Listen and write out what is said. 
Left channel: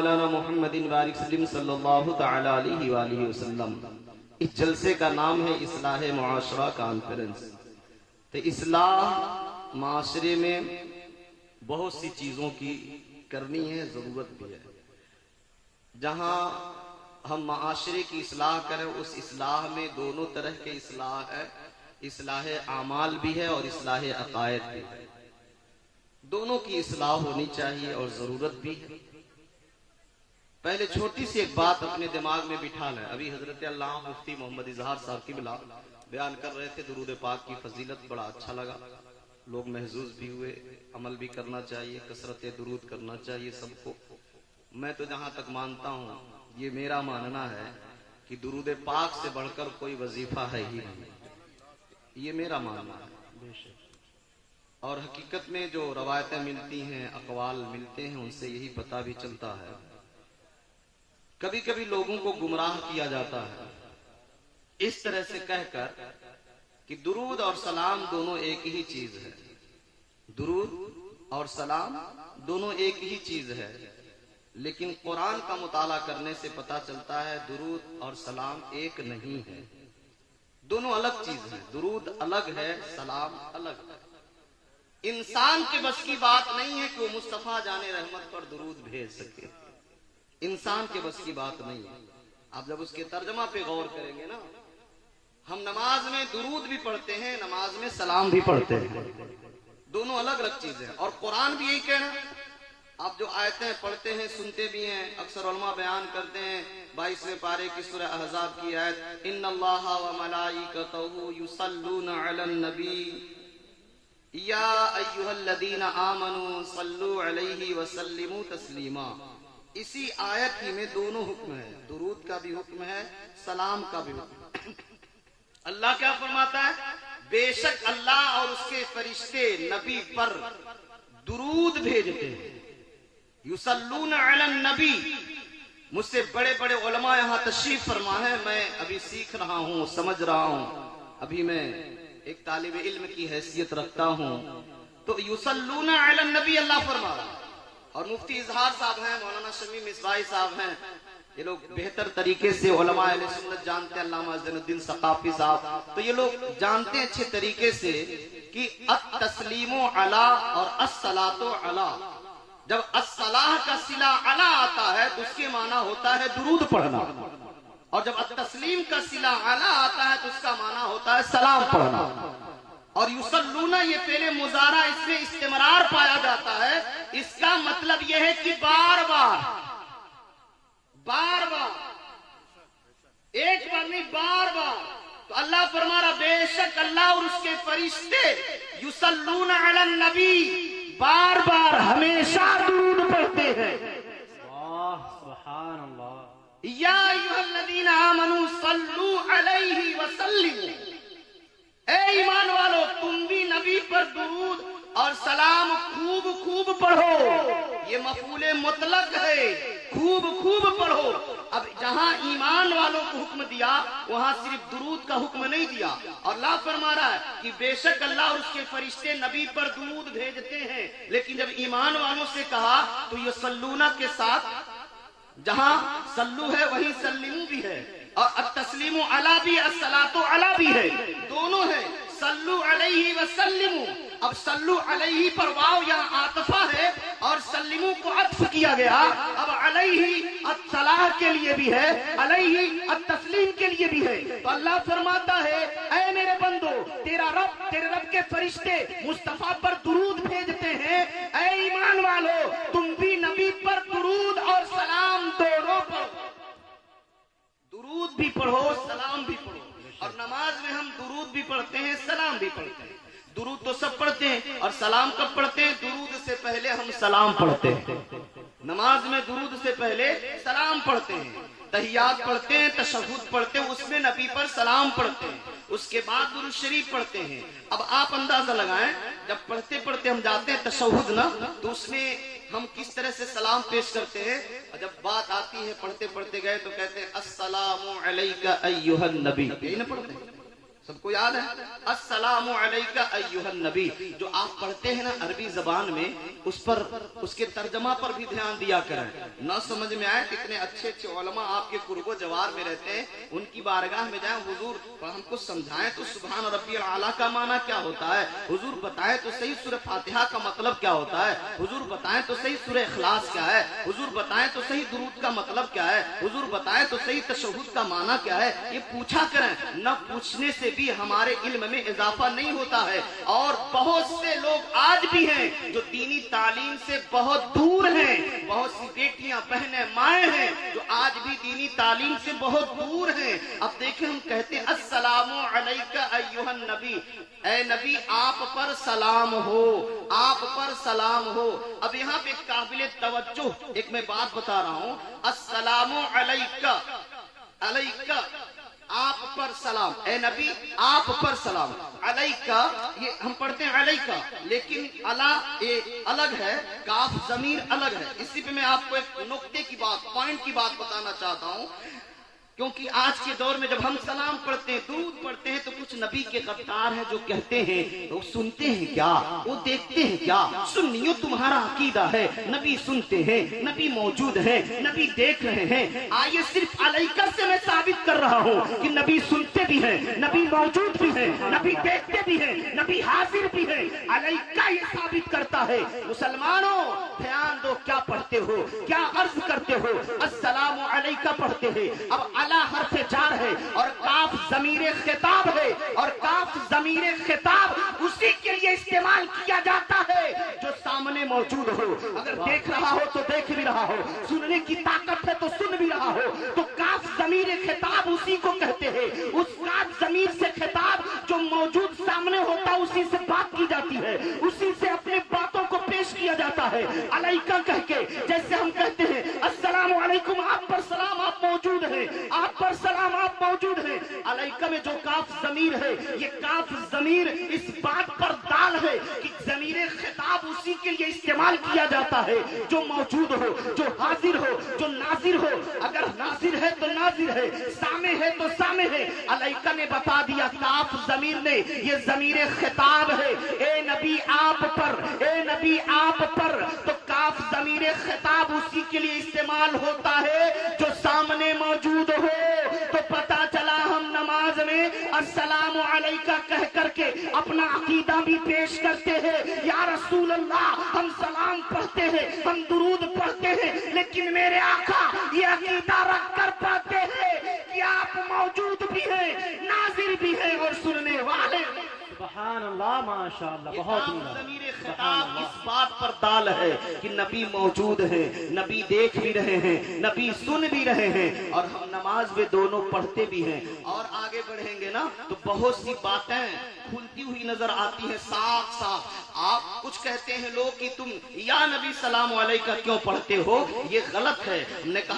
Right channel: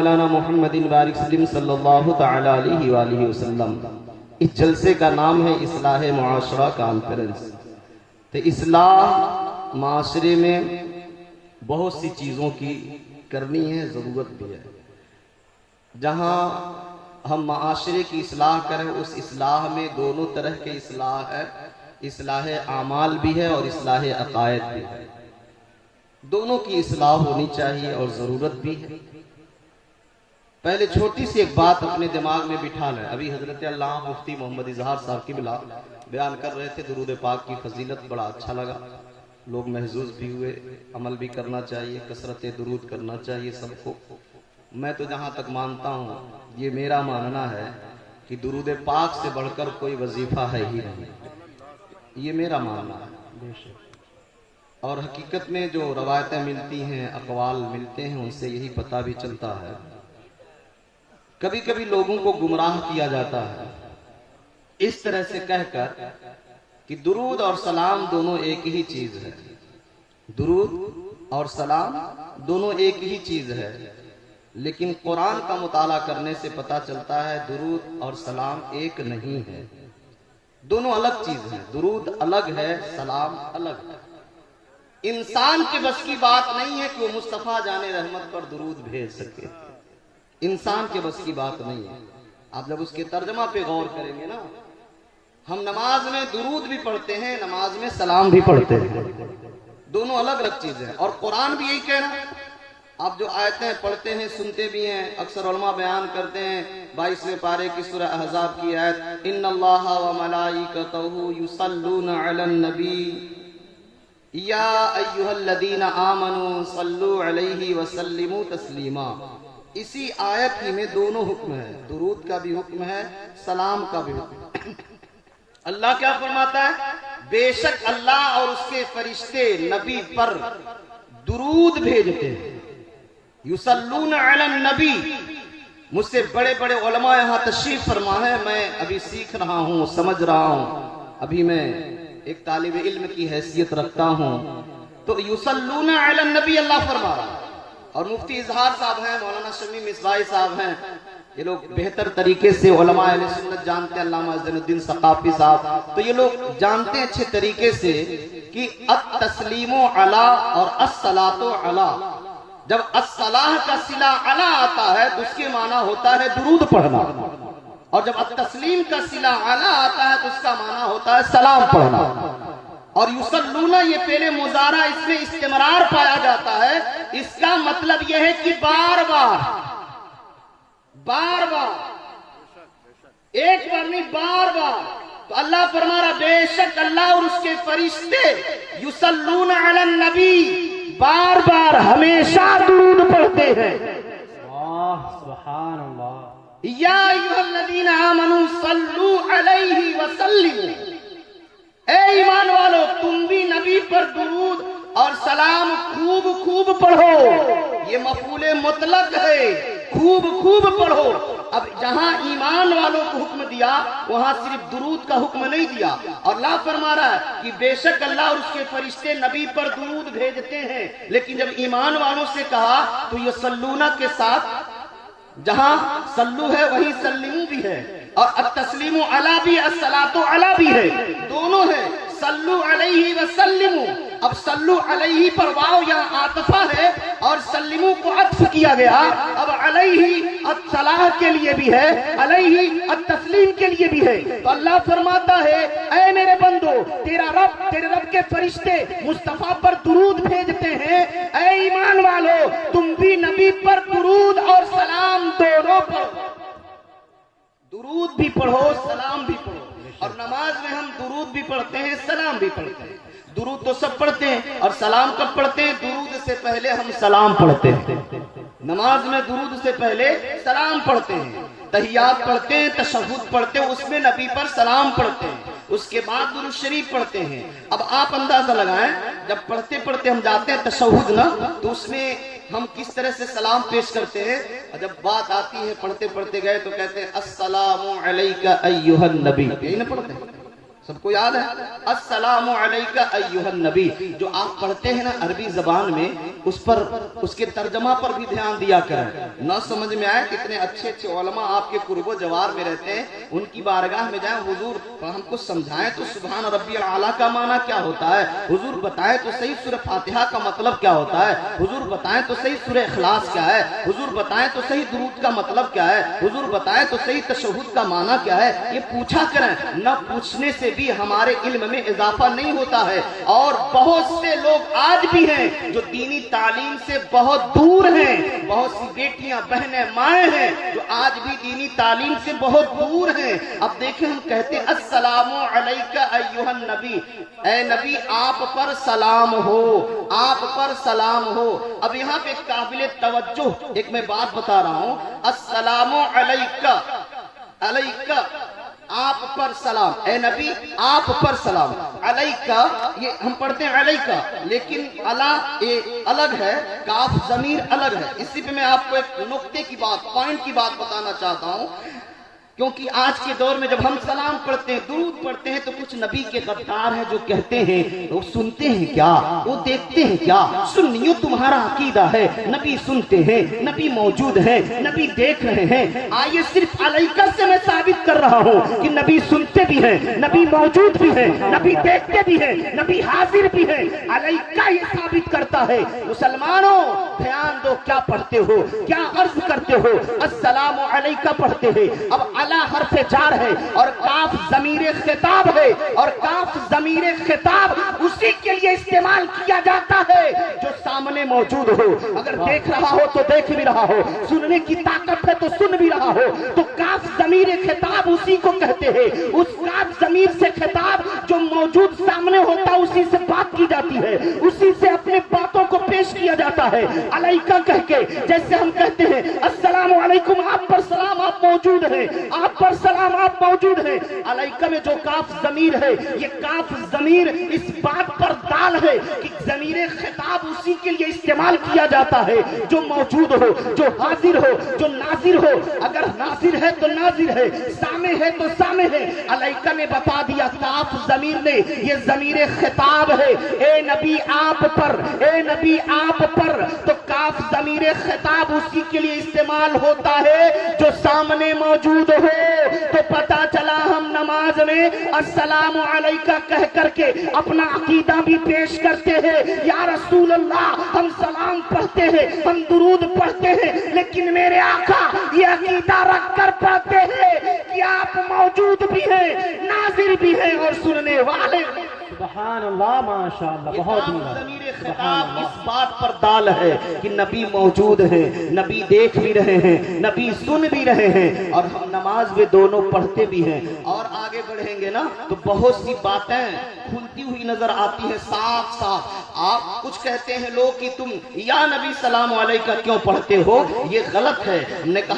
مولانا محمد بارک سلیم صلی اللہ تعالی علیہ وآلہ وسلم۔ اس جلسے کا نام ہے اصلاح معاشرہ کانفرنس۔ تو اصلاح معاشرے میں بہت سی چیزوں کی کرنی ہے، ضرورت بھی ہے۔ جہاں ہم معاشرے کی اصلاح کریں اس اصلاح میں دونوں طرح کے اصلاح ہے، اصلاح اعمال بھی ہے اور اصلاح عقائد بھی ہے۔ دونوں کی اصلاح ہونی چاہیے اور ضرورت بھی ہے۔ پہلے چھوٹی سی ایک بات اپنے دماغ میں بٹھا لیں۔ ابھی حضرت علامہ مفتی محمد اظہار صاحب قبلہ بیان کر رہے تھے درود پاک کی فضیلت، بڑا اچھا لگا، لوگ محظوظ بھی ہوئے۔ عمل بھی کرنا چاہیے، کثرت درود کرنا چاہیے سب کو۔ میں تو جہاں تک مانتا ہوں، یہ میرا ماننا ہے کہ درود پاک سے بڑھ کر کوئی وظیفہ ہے ہی نہیں، یہ میرا ماننا ہے۔ اور حقیقت میں جو روایتیں ملتی ہیں، اقوال ملتے ہیں، ان سے یہی پتہ بھی چلتا ہے۔ کبھی کبھی لوگوں کو گمراہ کیا جاتا ہے اس طرح سے کہہ کر کہ درود اور سلام دونوں ایک ہی چیز ہے، درود اور سلام دونوں ایک ہی چیز ہے۔ لیکن قرآن کا مطالعہ کرنے سے پتہ چلتا ہے درود اور سلام ایک نہیں ہے، دونوں الگ چیز ہیں۔ درود الگ ہے، سلام الگ ہے۔ انسان کے بس کی بات نہیں ہے کہ وہ مصطفیٰ جان رحمت پر درود بھیج سکے، انسان کے بس کی بات نہیں ہے۔ آپ جب اس کے ترجمہ پہ غور کریں گے نا، ہم نماز میں درود بھی پڑھتے ہیں، نماز میں سلام بھی پڑھتے ہیں، دونوں الگ الگ چیزیں ہیں۔ اور قرآن بھی یہی کہنا، آپ جو آیتیں پڑھتے ہیں سنتے بھی ہیں، اکثر علماء بیان کرتے ہیں 22ویں پارے کی سورہ احزاب کی آیت، ان اللہ و ملائکتہ یصلون علی النبی یا ایھا الذین آمنوا صلوا علیہ وسلموا تسلیما۔ اسی آیت ہی میں دونوں حکم ہے، درود کا بھی حکم ہے، سلام کا بھی حکم ہے۔ اللہ کیا فرماتا ہے؟ بے شک اللہ اور اس کے فرشتے نبی پر درود بھیجتے ہیں، یصلون علی النبی۔ مجھ سے بڑے بڑے علماء یہاں تشریف فرما ہے، میں ابھی سیکھ رہا ہوں، سمجھ رہا ہوں، ابھی میں ایک طالب علم کی حیثیت رکھتا ہوں۔ تو یصلون علی النبی اللہ فرما رہا ہے۔ اور مفتی اظہار صاحب ہیں، مولانا شمیم مصباحی صاحب ہیں، یہ لوگ بہتر طریقے سے علماء اہل سنت جانتے ہیں، علامہ عز الدین ثقافی صاحب، تو یہ لوگ جانتے ہیں اچھے طریقے سے کہ التسلیم علی اور الصلاۃ علی، جب الصلاۃ کا صلہ علی آتا ہے تو اس کے معنی ہوتا ہے درود پڑھنا، اور جب التسلیم کا صلہ علی آتا ہے تو اس کا معنی ہوتا ہے سلام پڑھنا۔ اور یصلون یہ پہلے مضارع، اس میں استمرار پایا جاتا ہے، اس کا مطلب یہ ہے کہ بار بار بار بار، ایک بار نہیں بار بار۔ تو اللہ فرما رہا بے شک اللہ اور اس کے فرشتے یصلون علی النبی، بار بار ہمیشہ درود پڑھتے ہیں۔ سبحان اللہ۔ یا ایھا الذین آمنوا صلوا علیہ وسلموا، اے ایمان والو تم بھی نبی پر درود اور سلام خوب خوب پڑھو۔ یہ مفعول مطلق ہے، خوب خوب پڑھو۔ اب جہاں ایمان والوں کو حکم دیا وہاں صرف درود کا حکم نہیں دیا، اور اللہ فرما رہا ہے کہ بے شک اللہ اور اس کے فرشتے نبی پر درود بھیجتے ہیں۔ لیکن جب ایمان والوں سے کہا تو یہ سلونا کے ساتھ جہاں سلو ہے وہیں سلمو بھی ہے، اور التسلیم علی بھی، الصلاۃ علی بھی ہے، دونوں ہیں۔ صلو علیہ وسلموا، اب صلو علیہ پر واو یہاں عاطفہ ہے اور سلمو کو عطف کیا گیا، اب علیہ الصلاح کے لیے بھی ہے، علیہ التسلیم کے لیے بھی ہے۔ تو اللہ فرماتا ہے اے میرے بندو، تیرے رب کے فرشتے مصطفیٰ پر درود بھیجتے ہیں، اے ایمان والو تم بھی نبی پر درود اور سلام دونوں پڑھو، درود بھی پڑھو سلام بھی پڑھو۔ اور نماز میں ہم درود بھی پڑھتے ہیں، سلام بھی پڑھتے ہیں۔ درود تو سب پڑھتے ہیں، اور سلام کب پڑھتے ہیں؟ درود سے پہلے ہم سلام پڑھتے ہیں، نماز میں درود سے پہلے سلام پڑھتے ہیں، تحیات پڑھتے ہیں، تشہد پڑھتے ہیں، اس میں نبی پر سلام پڑھتے ہیں، اس کے بعد درود شریف پڑھتے ہیں۔ اب آپ اندازہ لگائیں، جب پڑھتے پڑھتے ہم جاتے ہیں تشہد نا، تو اس میں ہم کس طرح سے سلام پیش کرتے ہیں، اور جب بات آتی ہے پڑھتے پڑھتے گئے تو کہتے ہیں السلام علیکہ ایھا النبی، یہی نہ پڑھتے ہیں؟ سب کو یاد ہے السلام علیکہ ایھا النبی، جو آپ پڑھتے ہیں نا عربی زبان میں، اس پر اس کے ترجمہ پر بھی دھیان دیا کریں. نہ سمجھ میں آئے کتنے اچھے اچھے علماء آپ کے قرب و جوار میں رہتے ہیں، ان کی بارگاہ میں جائیں، حضور ہم کو سمجھائیں تو سبحان ربی الاعلیٰ کا معنی کیا ہوتا ہے، حضور بتائیں تو صحیح سورہ فاتحہ کا مطلب کیا ہوتا ہے، حضور بتائیں تو صحیح سورہ اخلاص کیا ہے، حضور بتائیں تو صحیح درود کا مطلب کیا ہے، حضور بتائیں تو صحیح تشہد کا معنی کیا ہے. یہ پوچھا کریں. نہ پوچھنے سے بھی ہمارے علم میں اضافہ نہیں ہوتا ہے. اور بہت سے لوگ آج بھی ہیں جو دینی تعلیم سے بہت دور ہیں، بہت سی بیٹیاں بہنیں مائیں ہیں جو آج بھی دینی تعلیم سے بہت دور ہیں. اب دیکھیں ہم کہتے ہیں السلام علیکہ ایھا النبی، اے نبی آپ پر سلام ہو، آپ پر سلام ہو. اب یہاں پہ قابل توجہ ایک میں بات بتا رہا ہوں. السلام علیکہ، علیکہ آپ پر سلام، اے نبی آپ پر سلام. علیکہ یہ ہم پڑھتے ہیں علیکہ، لیکن علا یہ الگ ہے، کاف ضمیر الگ ہے. اسی پہ میں آپ کو ایک نقطے کی بات، پوائنٹ کی بات بتانا چاہتا ہوں. کیونکہ آج کے دور میں جب ہم سلام پڑھتے ہیں، درود پڑھتے ہیں، تو کچھ نبی کے غدار ہیں جو کہتے ہیں وہ سنتے ہیں کیا، وہ دیکھتے ہیں کیا. سنیوں تمہارا عقیدہ ہے نبی سنتے ہیں، نبی موجود ہیں، نبی دیکھ رہے ہیں. آئیے صرف علیکہ سے میں ثابت کر رہا ہوں کہ نبی سنتے بھی ہیں، نبی موجود بھی ہیں، نبی دیکھتے بھی ہیں، نبی حاضر بھی ہیں. علیکہ یہ ثابت کرتا ہے. مسلمانوں دھیان دو، کیا پڑھتے ہو، کیا عرض کرتے ہو. السلام علیکہ پڑھتے ہیں. اب حرف جار ہے اور کاف ضمیر خطاب ہے، اور کاف ضمیر خطاب اسی کے لیے استعمال کیا جاتا ہے جو سامنے موجود ہو. اگر دیکھ رہا ہو تو دیکھ بھی رہا ہو، سننے کی طاقت ہے تو سن بھی رہا ہو. تو کاف ضمیر خطاب اسی کو کہتے ہیں. اس کاف ضمیر سے خطاب جو موجود سامنے ہوتا اسی سے بات کی جاتی ہے، اسی سے اپنے باتوں کو پیش کیا جاتا ہے علیکہ کہہ کے. جیسے ہم کہتے ہیں السلام علیکم، آپ پر سلام، آپ موجود ہیں، آپ پر سلام، آپ موجود ہیں. علیکہ میں جو کاف ضمیر ہے، یہ کاف ضمیر اس بات پر دال ہے کہ ضمیر خطاب اسی کے لیے استعمال کیا جاتا ہے جو موجود ہو، جو حاضر ہو، جو ناظر ہو. اگر ناظر ہے تو ناظر ہے، سامع ہے تو سامع ہے. علیکہ نے بتا دیا، کاف ضمیر نے، یہ ضمیر خطاب ہے. اے نبی آپ پر، اے نبی آپ پر. تو کاف ضمیر خطاب اسی کے لیے استعمال ہوتا ہے جو سامنے موجود ہو. تو پتا چلا ہم نماز میں السلام علیکہ کہہ کر کے اپنا عقیدہ بھی پیش کرتے ہیں. یا رسول اللہ ہم سلام پڑھتے ہیں، ہم درود پڑھتے ہیں، لیکن میرے آقا یہ عقیدہ رکھ کر پڑھتے ہیں کہ آپ موجود بھی ہیں، ناظر بھی ہیں اور سننے والے. سبحان اللہ، ماشاءاللہ، بہت ضمیر خطاب اس بات پر دال ہے کہ نبی موجود ہیں، نبی دیکھ بھی رہے ہیں، نبی سن بھی رہے ہیں، اور ہم نماز میں دونوں پڑھتے بھی ہیں. اور آگے بڑھیں گے نا تو بہت سی باتیں کھلتی ہوئی نظر آتی ہیں صاف صاف. آپ کچھ کہتے ہیں لوگ کہ تم یا نبی سلام علیکہ کیوں پڑھتے ہو، یہ غلط ہے. ہم نے کہا